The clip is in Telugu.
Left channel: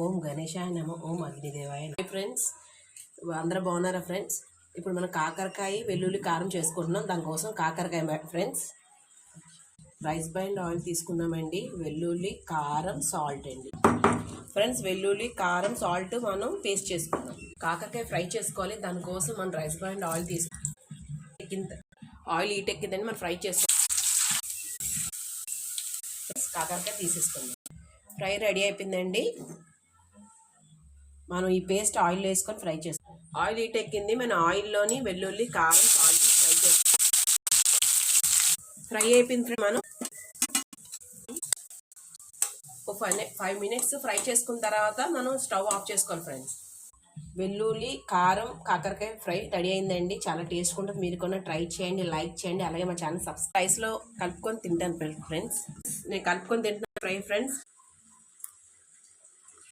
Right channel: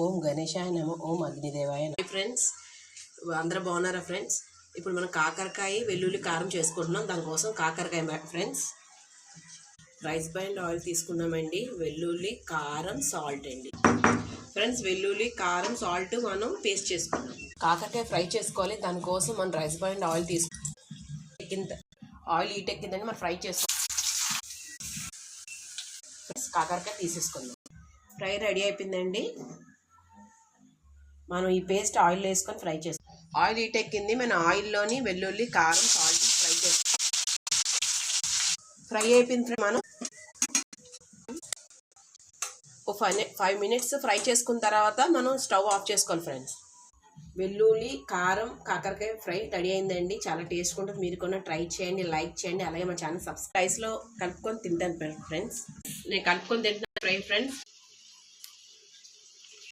ఓం గణేశాయ నమః. ఓం అగ్నిదేవాయ నమః. ఫ్రెండ్స్, అందరూ బాగున్నారా ఫ్రెండ్స్? ఇప్పుడు మనం కాకరకాయ వెల్లుల్లి కారం చేసుకుంటున్నాం. దానికోసం కాకరకాయ ఫ్రెండ్స్, రైస్ బ్రాన్ ఆయిల్ తీసుకున్నామండి. వెల్లుల్లి, కారం, సాల్ట్ అండి ఫ్రెండ్స్. వెల్లుల్లి, కారం, సాల్ట్ మనం పేస్ట్ చేసుకున్నాం. కాకరకాయ ఫ్రై చేసుకోవాలి. దానికోసం మనం రైస్ బ్రాన్ ఆయిల్ ఆయిల్ ఎక్కిందండి. మనం ఫ్రై చేసుకోవాలి. కాకరకాయ తీసేసుకుందాం. ఫ్రై రెడీ అయిపోయిందండి. మనం ఈ పేస్ట్ ఆయిల్ వేసుకొని ఫ్రై చేస్తాం. ఆయిల్ ఎక్కింది. మన ఆయిల్లోని వెల్లుల్లి, కారం, సాల్ట్ ఫ్రై చేస్తాం. ఫ్రై అయిపోయింది. మనం 5 మినిట్స్ ఫ్రై చేసుకున్న తర్వాత మనం స్టవ్ ఆఫ్ చేసుకోవాలి ఫ్రెండ్స్. వెల్లుల్లి, కారం, కాకరకాయ ఫ్రై రెడీ అయిందండి. చాలా టేస్ట్ ఉంటుంది. మీరు కూడా ట్రై చేయండి, లైక్ చేయండి. అలాగే మా ఛానల్ సబ్స్క్రైబ్లో కలుపుకొని తింటాను ఫ్రెండ్స్. నేను కలుపుకొని తింటాను ఫ్రై ఫ్రెండ్స్.